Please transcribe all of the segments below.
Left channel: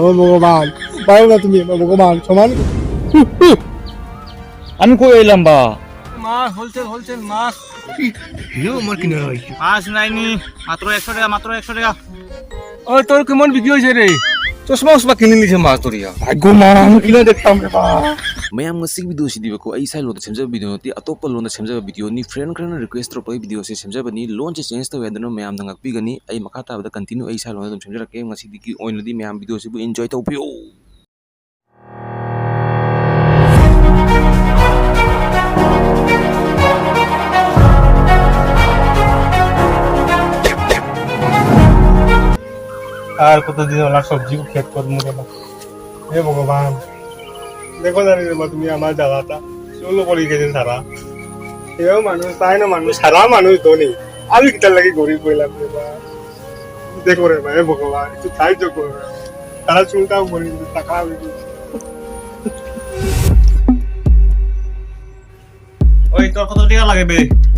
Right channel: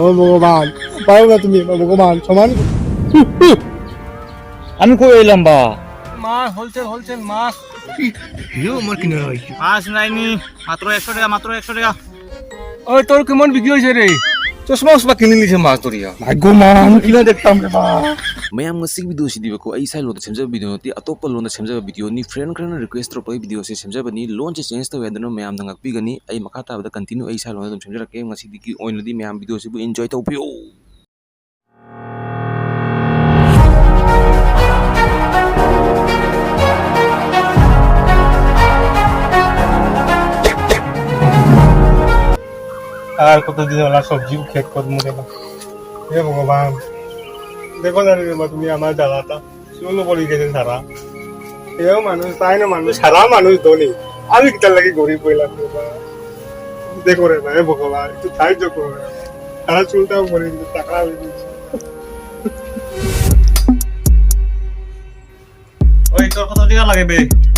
ও ভগবান, পারো না তুমি ভগবান সমান। আমি কই এলাম বা মাছ হোলসেল মাছ। আমার কিনে হয়েছে। মাছ নাইনি, মাত্র 100 টাকা। ওই তোর কেমন বিক্রি হয়েছে রে? চশমা উসমা কিনে নিছে মাছ তোরিয়া। ভাগ্য মা, আমি কিনা দেখতাম রে বা। mayam ngasig video si diba ko ay sai lon semja video ti atop lon semja video ni friend kana request ro pay video se semja bani lon che change to wedano mayam nangak pi gani ay makata da continue ay sai lon dum semja ke ngasi di ki oin di mayam video se bu enjoy to pio আর কতদিন OLA সবজি খেত কর মরে না। হে ভগবান, দেখো জানি রে বা তুমি আমার জ্বালাটা চলো পড়ে গেছে সারা। এও মানুষ তাই না, মানুষ সারা মানুষ ধনী, আমি কিটা লাগি গরিব হইলাম। দেখো রে ভাই ভগবান, একটু সাহায্য করো। তারা চুলটাও মরে গেছে, টাকা হয়ে গেছে। ওই তোর কত টাকা লাগবে?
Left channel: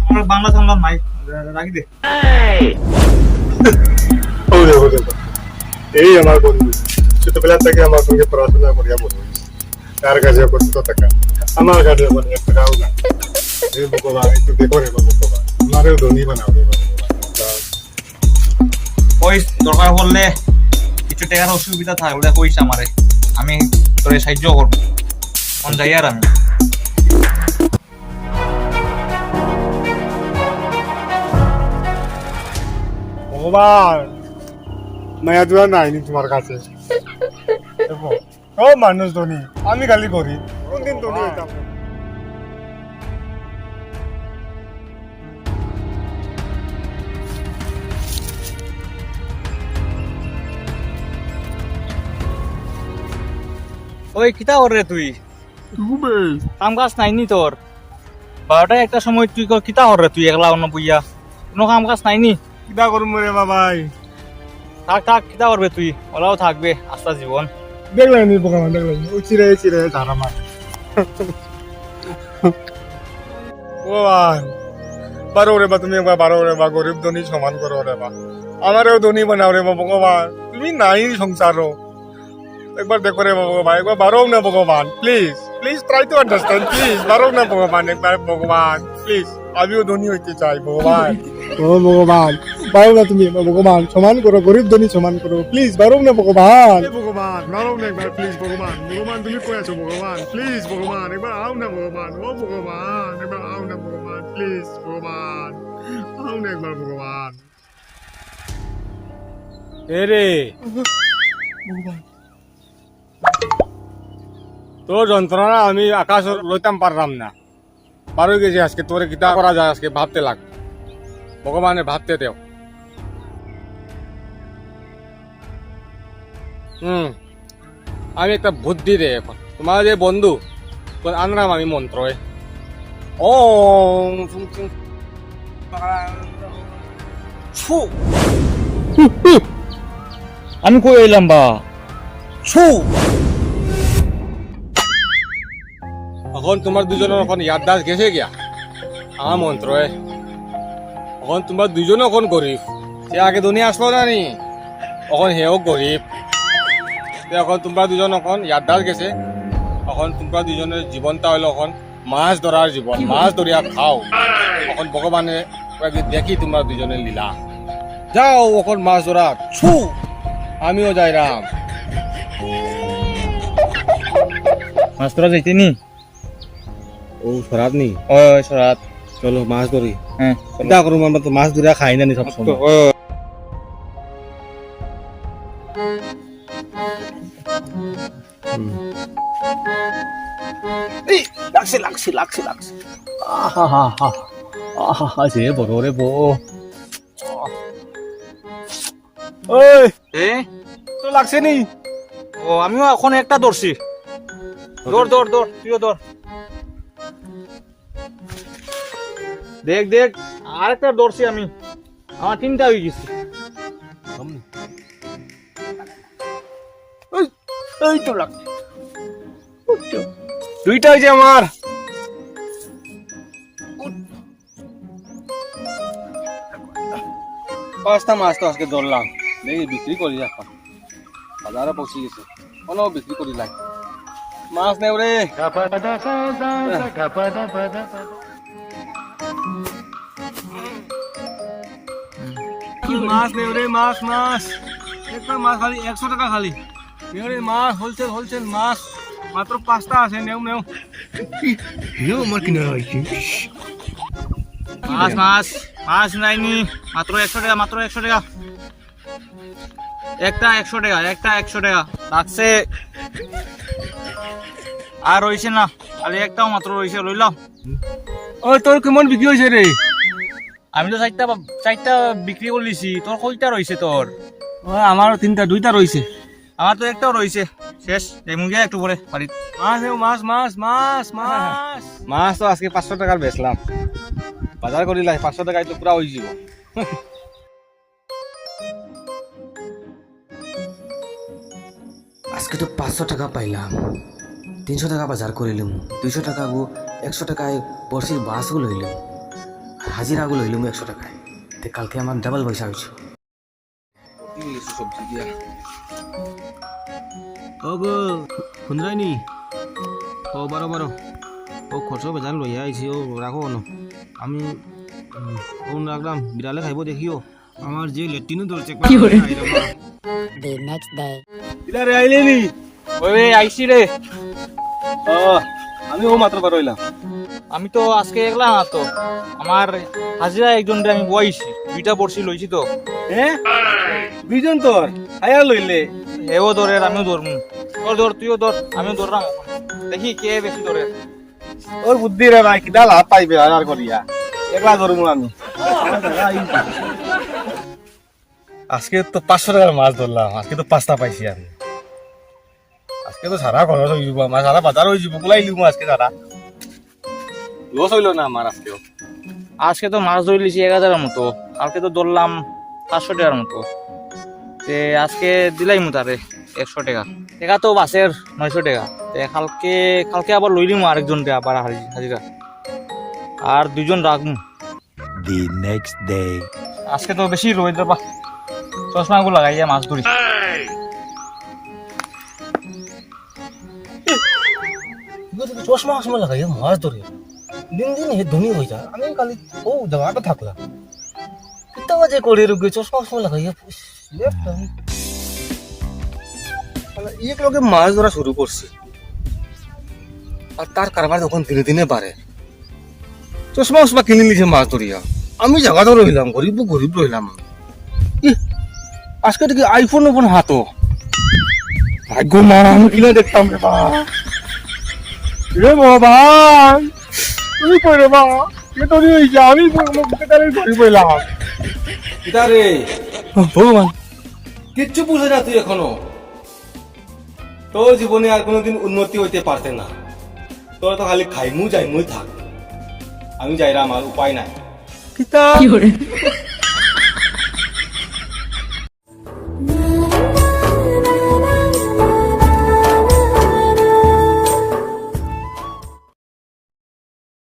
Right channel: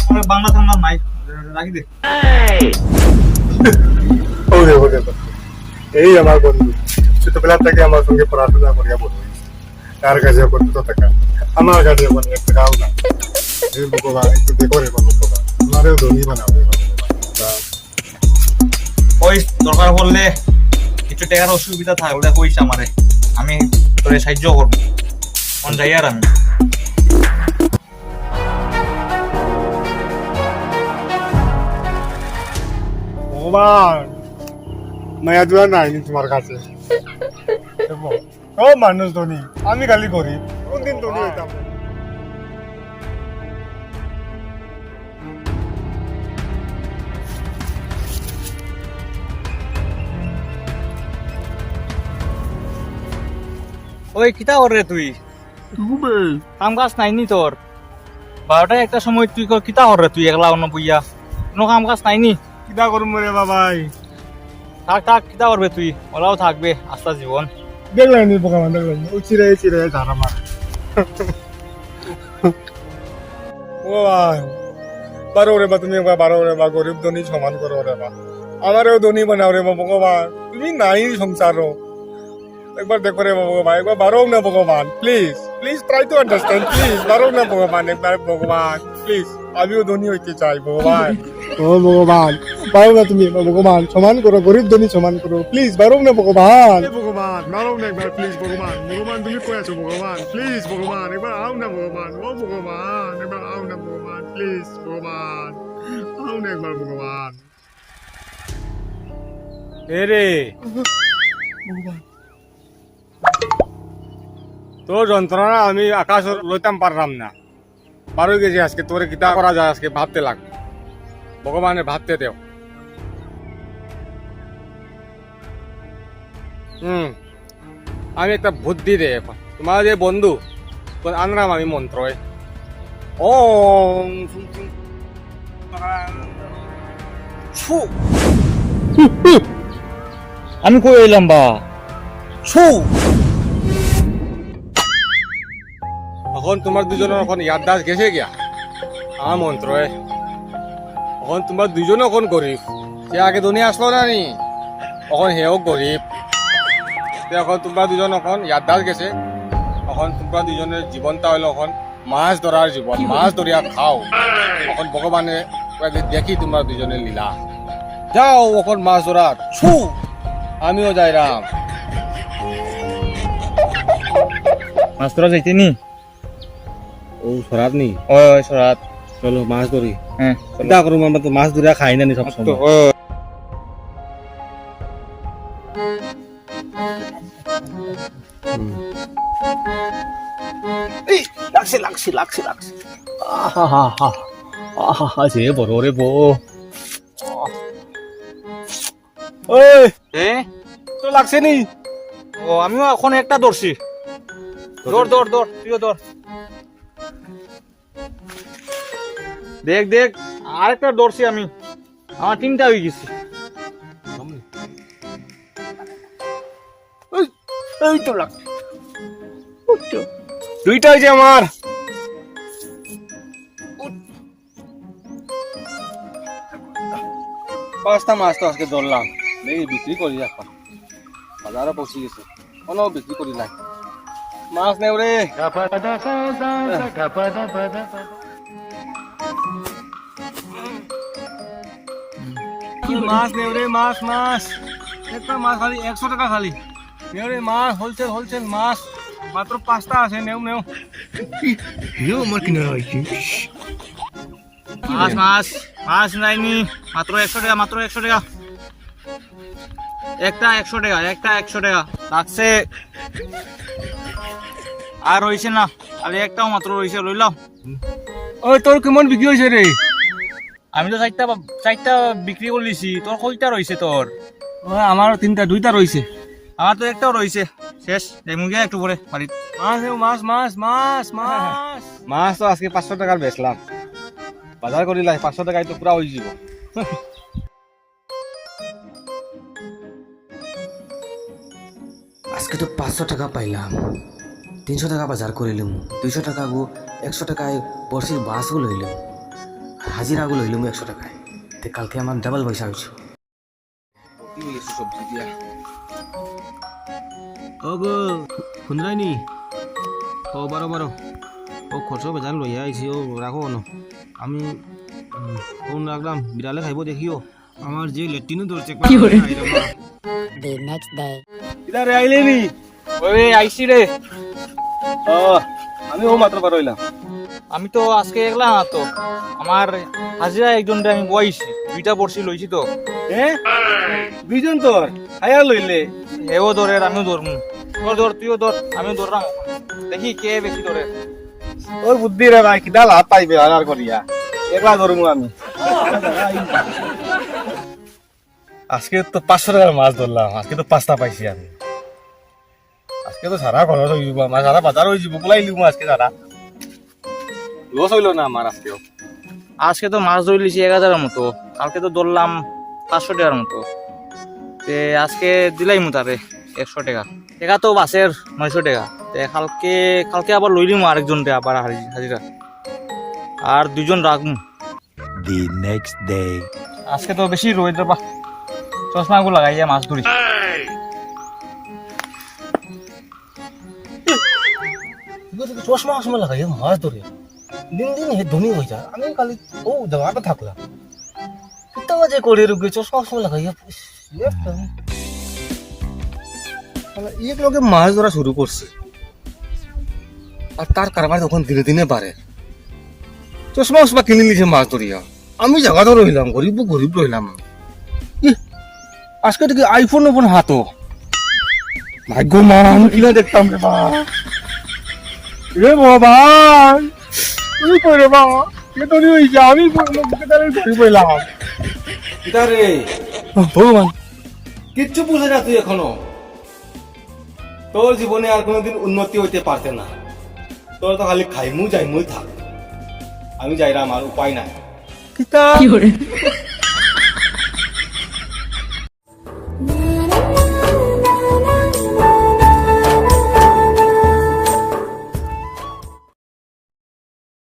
আমার বাংলা টাংলা নাই, রাখি দে। ও দেখো দেখো, এই আমার বন্ধু, ছোটবেলা থেকে আমার সঙ্গে পড়াশোনা করিয়া বলবো, তার কাছে করতে টাকা, আমার কাছে মানে এক টাকাও না। হে ভগবান, একটু দেখো রে ভগবান, আমারও ধনী বানাও রে ভগবান। ওই দরকার পড়লে কিছু টাকার অসুবিধা থাকলে কইস আমারে, আমি তোরে সাহায্য করবো। কোন যাই আর আমি ভগবান, মায়া দোয়া নাই তোমার কাছে। দেখো, সব মানুষ ধনী, আমি খালি গরিব। কোনদিন ধনী হইতাম? ওই কিতা করে তুই কাম কাজ নাইনি তোর? 12টা একটা সময় তুই কিতা করে তুই একলা অন্য বইয়া? কোনো কাম কাজ নাইনি? কিবা করুম রে বাবাই, থাক কিতা করবে তুই? ওলাও থাকবে আস্তা জীবন। দেখলাই নি ভগবান, দেখলাই নি, ওই চিরে ধারা মার। ভগবান, বারো রে বা, তুমি একবার বারো রে বা, গরিব ধনী সমান করো রে বা, আমারও ধনী বানাও রে বা ভগবান। তুমি নাই সংসারও, একবার দেখো রে ভগবান, একবার বারো না ভগবান, please please try to understand, please বারো না ভগবান, একবার ভগবান প্লিজ, আমিও ধনী হইতে চাই ভগবান। ও ভগবান, পারো না তুমি ভগবান, সমান করো, গরিব ধনী সমান করো, প্লিজ বারো না ভগবান। ভগবান বারো না একবার, প্লিজ ভগবান, ভগবান তুমি কই আছো ভগবান, প্লিজ ভগবান একবার আও না ভগবান, ও ভগবান একবার আও না ভগবান, প্লিজ ভগবান আও না একবার ভগবান। এরে তোর যন্ত্রণা আমি আকাশ লইতাম পারলাম না, পারো গেছি আজকে। তোরে কিতা করা যায় আজকে ভাবতে লাগবে, ভগবানের ভাবতে দেও। আমি একটা বুদ্ধি দে এখন, তোমার যে বন্ধু তোর আনলাম আমি মন্ত্র, ও আমি কই এলাম বা এখন তোমার দুজনের এখন ইয়াদদাস গেছে গিয়া আমার মন্ত্র, এখন তোমরা দুজনে এখন গরিব, সে আগে দুনিয়া আসলো না নি, এখন হেও গরিব। এখন তোমরা দুজন এখন ইয়াদদাস গেছে, এখন তোমরা দুজনের জীবনটা হলো এখন মাছ ধরার জীবন, মাছ ধরিয়া খাও। এখন ভগবানে দেখি তোমরা দুজনের লীলা, যাও এখন মাছ ধরা, আমিও যাইরাম। মাছ ধরা যাইতে নি? ও সরাত নি, ওই সরাত, চলো মাছ ধরি। হ্যাঁ চিন্তা করুম, আমরা তো মাছ ধরিয়া খাই না নি সবসময়। লাগছে সে বড় রে বো। তো লাগছে নি? আমিও এখন একটা ধরছি, ধর তুইও ধর, দেখ আর একটা ধরছি আমি, আমার 3টা হয়ে গেছে। এই তো লাগছে, 2টা হয়েছে আমার। পাঁচটা মাছ তো আজকে ধরলাম, দেখি বিক্রি করি এখন। বাজারও পৌঁছি গেছে কোনো বিক্রি করি নাই মাছ নেও রে মাছ নেও রে মাছ মাছ একটা মাছ খালি 100 টাকা খালি নেও রে মাছ হোলসেল মাছ মাত্র 5টা আছে নেও আমার কিনা হয়েছে মাছ নাইনি মাত্র 100 টাকা একটা 100 টাকা লাগছে আর রইছে না আরে একটাও মাত্র রইছে লইলাম ওই তোর কেমন বিক্রি হয়েছে রে আমি তো চারটা বিক্রি করলিছি তোর কয়টা রইছে তোর আমার 2টা রয়েছে আমার তো একটাও রইছে শেষ এই মুগে একটু পরে বাড়ি মাছ তো আজকে 500 টাকার বেচলাম বাজার করিলাই 500 টাকায় তো পুরা হয়ে যাব আজকে তো 500 টাকা পাইলাম 300 টাকা বাজার করিলাম 200 টাকা গো 100 টাকায় বর্ষির বাসও লইলাম হাজিরাগো লইলাম 100 টাকায় তে কালকে আমার ডাবল পয়সা হইছে ও গো শুনরাইনি ও বারো ও খরচ বেজান লইয়া আইছি ও রাখো ন আমি ফোন রাখলাম বিড়ালে খাইব দেখিও আমার যে লেট্রিনও ধরছে The next day. ইদারে আইলিনি ওরে আইছি রে আমি ও মাত্র পারইলাম আমি তো আজকে একলা না তো আমার হাজিরা একজন আমি বইছি 2টা পড়ছি লইছি তো বিজন তোর আয়া লইলে এও ধরে আমিও ধরমু ধর তুইও ধর আমিও ধরলাম দেখি কে বেশি ধরে ওর বুদ্ধি রে ভাই কিডা লাভ পাইবে আর করিয়া একলা ধরমু আমি আজকে তো 500 টাকার মাছ ধরলাম আজকে তো 5টা পাইছি আমি আজকে তো সারা খরচ হয়ে যাব আমার সারা বাজার হয়ে যাব গুলাই লিব আজকে সারা লস হইল না আমার আজকে তো মাছ ধরলিছি 1000 এর মতো কালকে তো ধরলাম 500 টাকার মতো আজকে দিলাই তারে 100 টাকা টাকা তো বাসের 900 টাকা কালকে আবার লইলিম আরেকজন আবার হাজিরা আর 2 জন রাখমু The next day. আজকে তো বেশি রোদ বা চশমা গুলো লাগাইয়া মাছ ধরি চশমা লাগাই মাছ ধরে দিন হে ধনী হয়ে যা আমি কালি ও জায়গাটা থাকলাম এটা যে করে রুগে চশমা লাগাই লোকে মাছ ধরা শুরু করছে আর তার কারবার যখন দিনে দিনে বাড়ে চশমা কিনে নিয়েছে মাছ ধরিয়া আমি জায়গাটা রইলাম গরিব রইলাম আজকে দেখি আইফোন হাতো ভাগ্য মা আমি কিনে দেখতাম রে বাবা তুমি কইরে বাবা এটা নিয়ে আমি কইলাম এটা রে ভগবান কিচ্ছু বুঝে না তুই এখনো তোর জীবনে আর কোনোদিন উন্নতি হইতে পারছে না তোর তো খালি খাইমু যাইমুই থাক আমি যাইলাম আর উপায় নাই